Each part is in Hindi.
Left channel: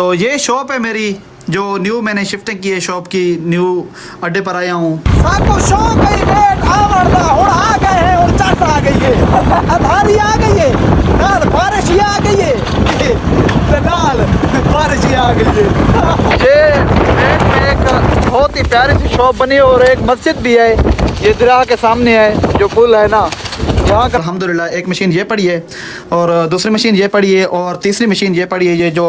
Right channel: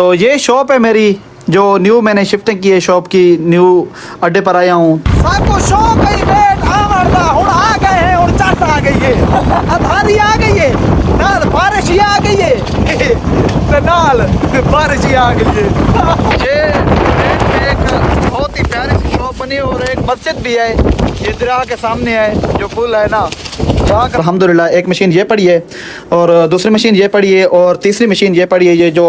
तो ये शॉप है मेरी जो न्यू मैंने शिफ्टिंग की है शॉप की, न्यू अड्डे पर आया हूँ। सबको शौक है वेट आमरदा हुण आ गए हैं और चट आ गई है, अधारी आ गई है, नाल बारिश ही आ गई है, नाल बारिश ही आ गई है। ये एक बहुत ही प्यारी सी शॉप बनी है और एक मस्जिद भी है, ये दरिया के सामने है जो पुल है ना। अल्हम्दुलिल्लाह एक मशीन ये पड़ी है और दूसरी मशीन ये पड़ी है और तीसरी मशीन ये पड़ी है, ये जो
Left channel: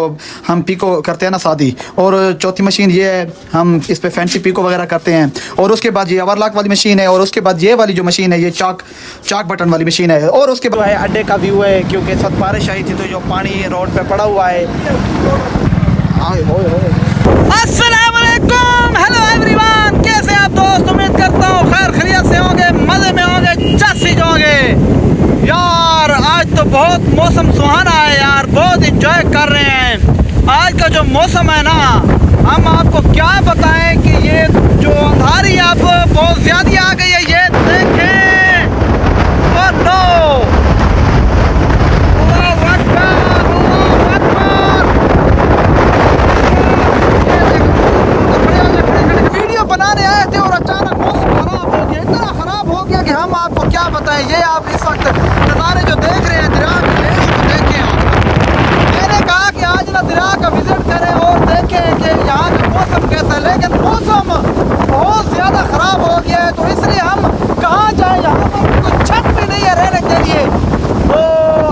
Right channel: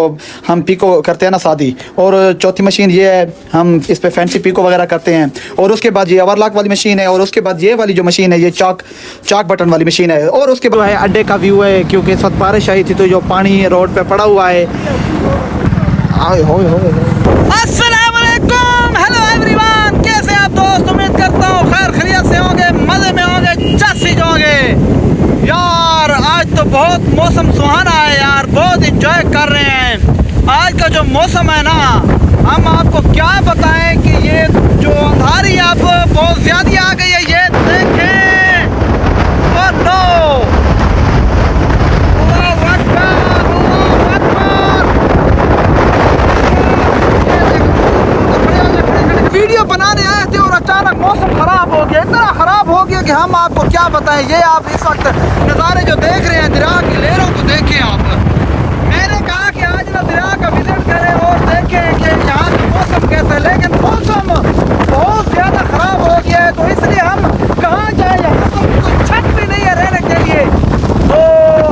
हम पीको करते हैं ना शादी, और चौथी मशीन ये है, हम इस पे फैंसी पीको वगैरह करते हैं। और उसके बाद ये ओवरलॉक वाली मशीन है और उसके बाद ये वाली जो मशीन है ये चाक बटन वाली मशीन है। और उसके बाद अड्डे का व्यू है, क्योंकि इस वक्त बारिश आई थी तो जो पानी रोड पे पड़ा हुआ है। अस्सलाम वालेकुम, हेलो एवरीवन, कैसे आप दोस्त? उम्मीद करता हूँ खैर खैरियत से होंगे, मज़े में होंगे, जस्सी होंगे। यार आज तो बहुत मौसम सुहाना है यार, बहुत इंजॉय कर रहे हैं। आज का जो मौसम है ना, हम आपको क्या बताएं कि ये जो अंधारी आप बहुत ज़्यादा आ गई है, ये देखें। ओह नो, वीडियो बनाने आए थे और अचानक मौसम खराब हो गया, इतना खराब हो गया कि हम आपको क्या बताएं। ये आप इस वक्त नज़ारे जो देख रहे हैं दरिया की लहरों को देखें आप। मैंने कहा कि आज ना दरिया का विजिट करें और देखें कि यहाँ का मौसम कैसा है, लेकिन मौसम बहुत ज़्यादा ख़राब हो गया है, तो इसलिए हम कहाँ जाएँ, यहाँ पर कुछ छत भी नहीं है रहने के लिए। तो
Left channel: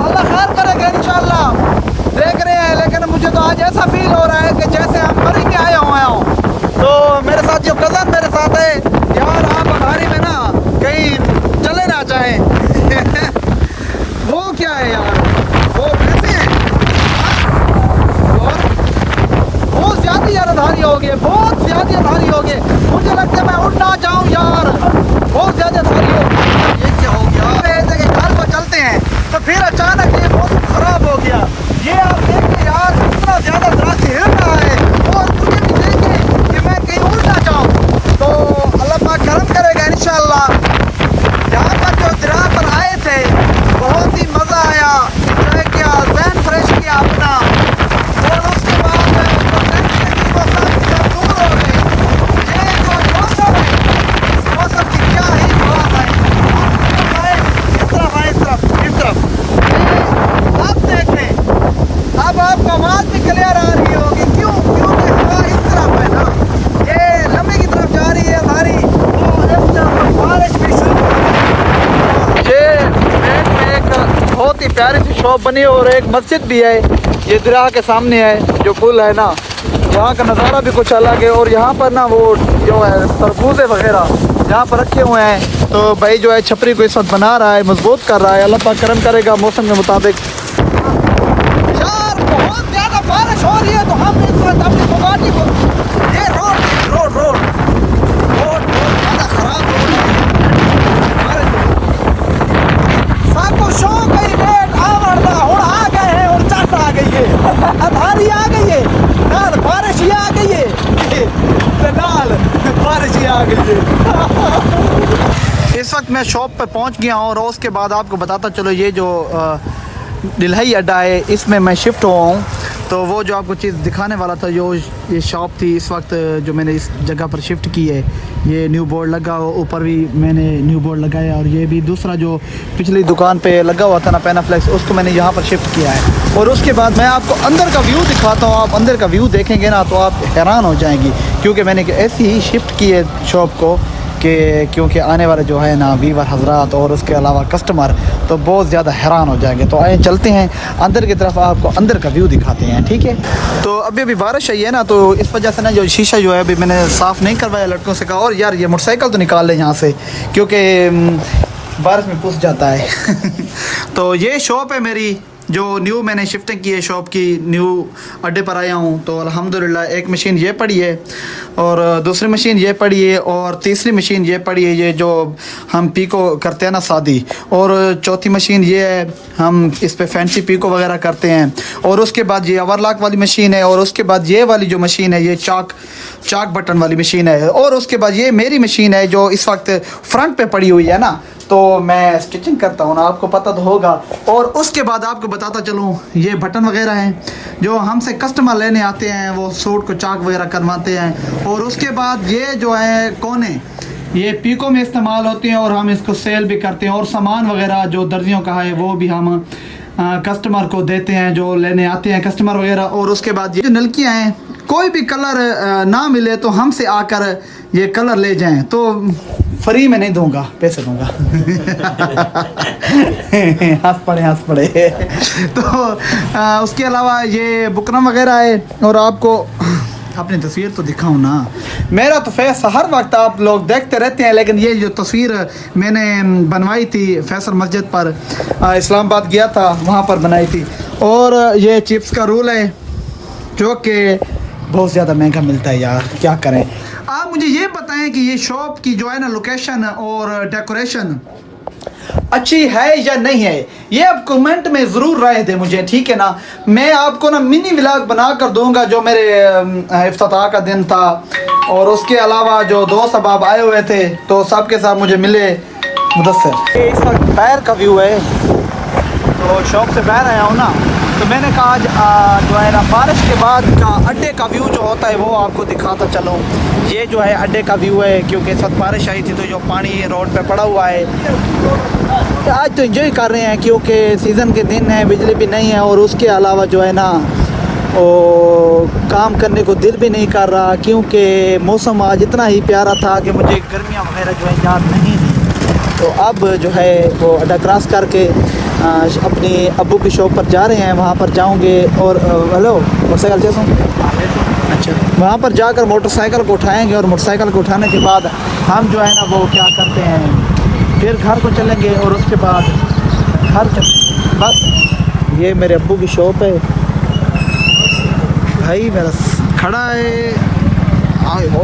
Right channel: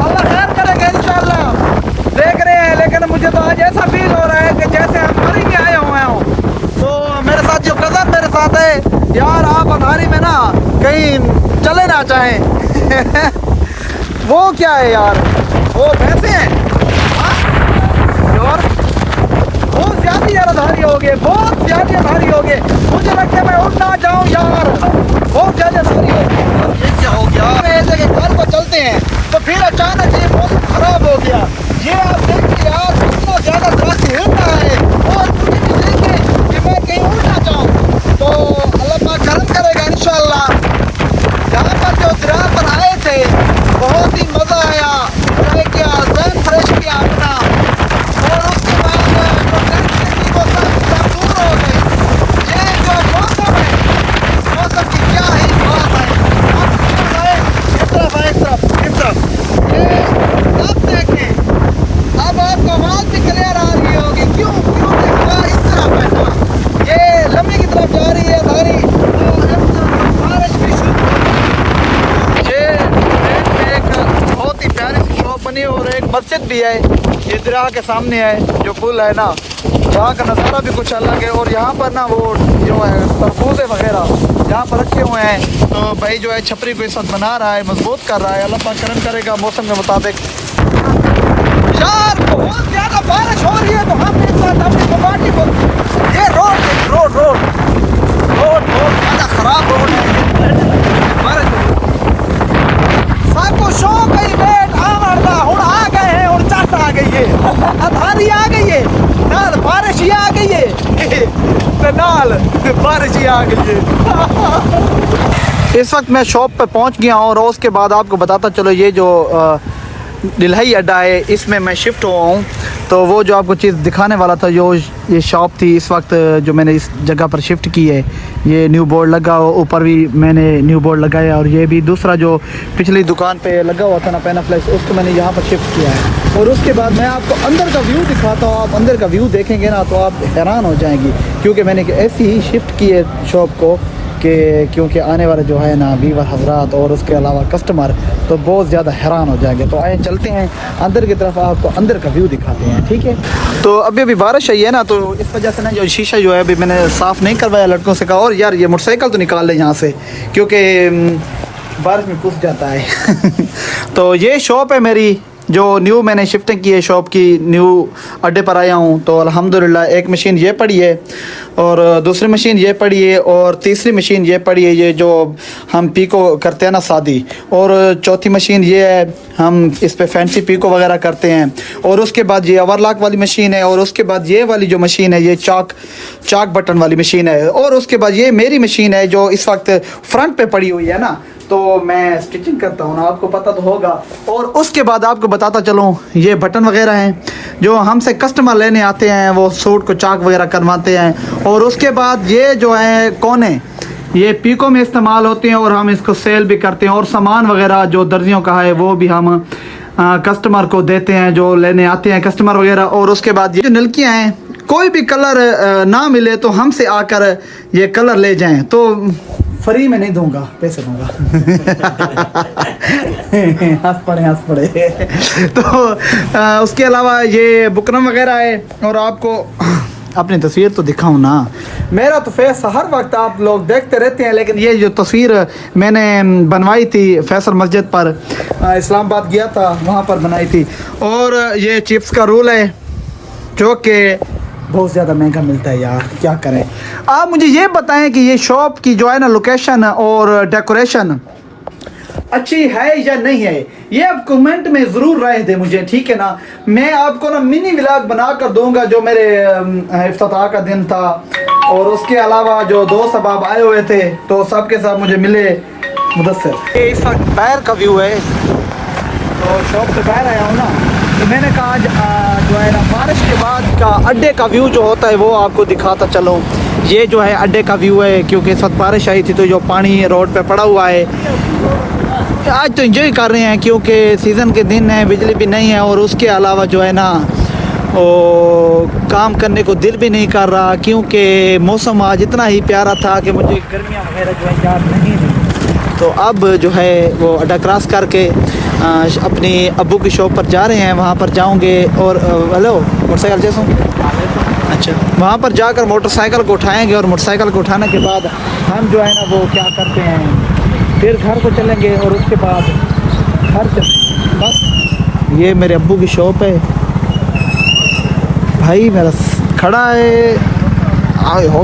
अल्लाह खैर करेगा इंशाल्लाह, देख रहे हैं। लेकिन मुझे तो आज ऐसा फील हो रहा है कि जैसे हम मरेंगे आए हुए हों। तो मेरे साथ जो कज़न मेरे साथ है यार, आप अंधारी में ना कहीं चले ना चाहें। वो क्या है यार, वो भैंसे हैं और बहुत ज़्यादा यार अंधारी हो गए, बहुत ज़्यादा अंधारी हो गए। मुझे लगता है मैं उड़ ना जाऊँ यार, बहुत ज़्यादा अंधारी हो गई। ये क्या हो गया? ऐसे कि घर को चलते हैं तो फिर अचानक ये मौसम खराब हो गया। ये आप देखिए यार, कितना ज़्यादा दरख्त हिल रहा है और मुझे नहीं देखे कि मैं कहीं उड़ ना जाऊँ। तो अल्लाह पाक करम करेगा इंशाल्लाह। यहाँ पर जो दरिया पर आए थे बहुत ही मज़ा आया, किया ज़हन फ्रेश किया अपना, और उसके बाद वो सब दूर हो गए। ये जो मौसम है, मौसम की क्या ही बात है। इस तरफ आए, इस तरफ अब देख लें, अब आपको आवाज़ भी क्लियर आ रही होगी। क्यों? क्योंकि हवा इस तरफ है ना, ये लम्बी की तरफ जा रही है हमारी, और इस तरफ बारिश भी शुरू हो रही है। ये एक बहुत ही प्यारी सी शॉप बनी है और एक मस्जिद भी है, ये दरिया के सामने है जो पुल है ना। यहाँ का नज़ारा भी कुछ अलग है और यहाँ पर ना वो जो है कूदे वगैरह यहाँ पर रखे हुए हैं। तो भाई जो है छपरी को इस वक्त बना रहा है, मजबूत कर रहा है। अल्लाह पाक करम करेगा मौसम के मुताबिक। यार बहुत ज़्यादा बारिश हो रही है तो हम इस वक्त अपनी दुकानी को, ये रोड बहुत ज़्यादा खराब रोड है। सबको शौक है वेट आमरदा हुण आ गए हैं और चट आ गई है, अधारी आ गई है, नाल बारिश ही आ गई है, नाल बारिश ही आ गई है। इस वक्त मैं शॉप पे पहुंच गया हूँ और उसके बाद आपको बताता चलो, ये जो दिल्हाई अड्डा है इसमें मैं शिफ्ट हुआ हूँ। तो वो जो आपको चीज़ दिखाने वाला था, जो ये शॉप थी, इस वक्त जो मैंने इस जगह पर शिफ्ट की है, ये न्यू बोर्ड लगा, ऊपर भी मैंने न्यू बोर्ड लगाया, और ये भी दूसरा जो पिछली दुकान पे लगा हुआ था ना पैनाफ्लेक्स, उसको मैंने यहाँ पर शिफ्ट किया है। और उसके बाद मैं आपको अंदर का व्यू दिखाता हूँ। आप अंदर का व्यू देखेंगे ना तो आप हैरान हो जाएंगी, क्योंकि मैंने ऐसी ही शिफ्ट की है शॉप को कि क्योंकि आने वाले जो है ना वीवर हजरात और उसके अलावा कस्टमर तो बहुत ज़्यादा हैरान हो जाएंगे। तो आइए चलते हैं अंदर की तरफ, आपको अंदर का व्यू दिखाते हैं, ठीक है। तो अभी बारिश आई है ना, तो इस वजह से ना जो शीशा जो है अभी मैंने साफ़ नहीं करवाया, लड़कों से कहा और यार ये मोटरसाइकिल तो निकाल लें यहाँ से, क्योंकि बारिश में घुस जाता है। तो ये शॉप है मेरी जो न्यू मैंने शिफ्टिंग की है शॉप की, न्यू अड्डे पर आया हूँ। तो अल्हम्दुलिल्लाह एक मशीन ये पड़ी है और दूसरी मशीन ये पड़ी है और तीसरी मशीन ये पड़ी है, ये जो हम पीको करते हैं ना शादी, और चौथी मशीन ये है, हम इस पे फैंसी पीको वगैरह करते हैं। और उसके बाद ये ओवरलॉक वाली मशीन है, और उसके बाद ये वाली जो मशीन है ये चाक बटन वाली मशीन है। और उसके बाद ये मेरी मशीन है जो इस वक्त फ्रंट पे पड़ी हुई है ना, तो मैं स्टिचिंग करता हूँ ना, आपको पता तो होगा। और उसके बाद आपको बताता चलूँ, ये बटन वगैरह हैं जो हमसे कस्टमर लेने आते हैं, वो सूट को चाक वगैरह करवाते हैं। और उसके बाद ये जो है कोने, ये पीको में इस्तेमाल होते हैं और हम इसको सेल भी करते हैं। और सामान वगैरह जो दर्जियों का है वो भी हम कस्टमर को देते हैं जो लेने आते हैं कस्टमर वगैरह। और उसके बाद ये जो नलकियाँ हैं, कोई भी कलर ना मिले तो हमसे आकर ये कलर ले जाएं, तो फ्री में नहीं दूंगा, पैसे दूंगा। हंस पड़े। तो उसके अलावा ये बुकरम वगैरह है। और आपको अपनी तस्वीर तो दिखाऊं ना, मेरा तो फेस हर वक्त आप लोग देखते रहते हैं, लेकिन ये जो तस्वीर मैंने बनवाई थी फैसल मस्जिद पर, इस्लामाबाद गया था वहाँ पर बनाई थी। और ये चिप्स का रोल है जो कि बहुत ज़्यादा महंगा मिलता है यार, क्या करें। आप मुझे ये बताएं कि ये शॉप की जो है ना लोकेशन और डेकोरेशन अच्छी है या नहीं है, ये आप कमेंट में ज़रूर राय दें मुझे, ठीक है ना। मैं आपको ना मिनी व्लॉग बना कर दूंगा जो मेरे इफ्तिताह का दिन था। और उसके अलावा जो दोस्त अब आए हुए थे तो सबके साथ मुझे मिले मुदस्सिर। ये इस वक्त बाहर का व्यू है, तो शॉप से बाहर आया हूँ ना, तो मैंने कहा आज जो है ना बारिश के बाद का अड्डे का व्यू जो होता है वो आपको दिखाता चलो। ये जो है अड्डे का व्यू है, क्योंकि इस वक्त बारिश आई थी तो जो पानी रोड पे पड़ा हुआ है। आज तो एंजॉय कर रहे हैं क्योंकि सीज़न के दिन है, बिजली भी नहीं है। और उसके अलावा जो है ना काम करने को दिल भी नहीं कर रहा, क्योंकि मौसम आज इतना ही प्यारा था कि मुझे गर्मियाँ वगैरह जो है याद नहीं थी। तो अब जो है वो अड्डा क्रॉस करके अपने अब्बू के शॉप पर जा रहे हैं, वहाँ पर जाऊँगे। और हेलो मोटरसाइकिल जैसा, अच्छा, वहाँ पर जाकर मोटरसाइकिल को उठाएँगे और मोटरसाइकिल को उठाने के बाद हम जो है ना वो क्या करते हैं, फिर घर को चलेंगे। और उसके बाद घर बस ये मेरे अब्बू की शॉप है, भाई मेरा खड़ा है। आए हो